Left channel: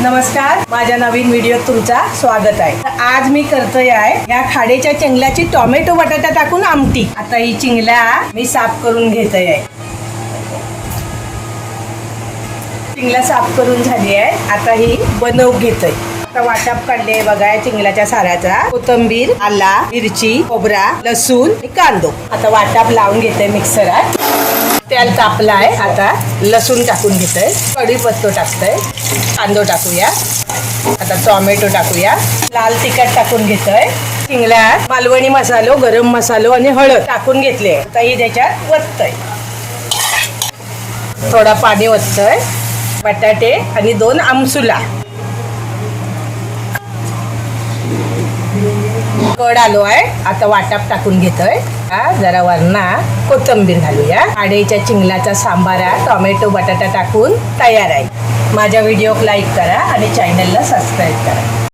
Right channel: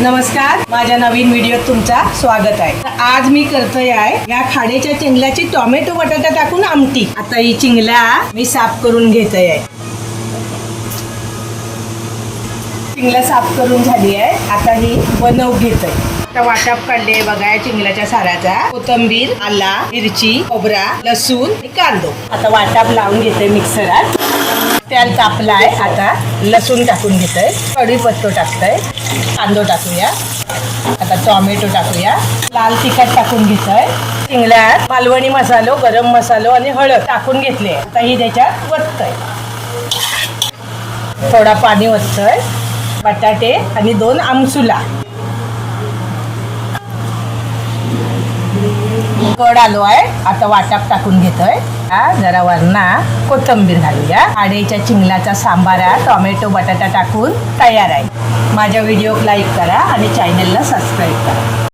नमस्कार, माझ्या नवीन व्हिडिओत तुमचा स्वागत आहे। तर आज मी करतोय या खाड्याच्या चिंगल्याची टोमॅटो बटाटा टाकून आमटी। आता ही चिंगल्या मी साफ करून घेतोय। चिंगल्या साफ करून झाली आहे, आता ही बनवून घेतोय। आता वाटप काढले बघा चिंगल्याच्या साराचा, कोथिंबीर, आला, मिरची, खोबरा, लसूण आणि कांदो। आता वाटप लावून घेतोय मिक्सरात। तेल तापलं आहे, आता लसूण टाकून घेतोय, कढीपत्ता टाकतोय, कांदो टाकूया, आता टोमॅटो टाकूया, लाल तिखट टाकून घेतोय, चिंगला मालवणी मसालो, गरम मसालो आणि हळद टाकून घेतले। आता ही त्याच्यात वततोय, थोडा पाणी वततोय, बटाटे आणि 2 आमसुला, कड आलो आहे। आता वाटप टाकून घेतोय, जरा वरना कोथिंबीर घालूया। खाड्याच्या चिंगल्याचा सांबारा टोमॅटो बटाटा टाकून तयार आहे। माझ्या व्हिडिओला लाईक करा आणि चॅनलला सबस्क्राईब करा।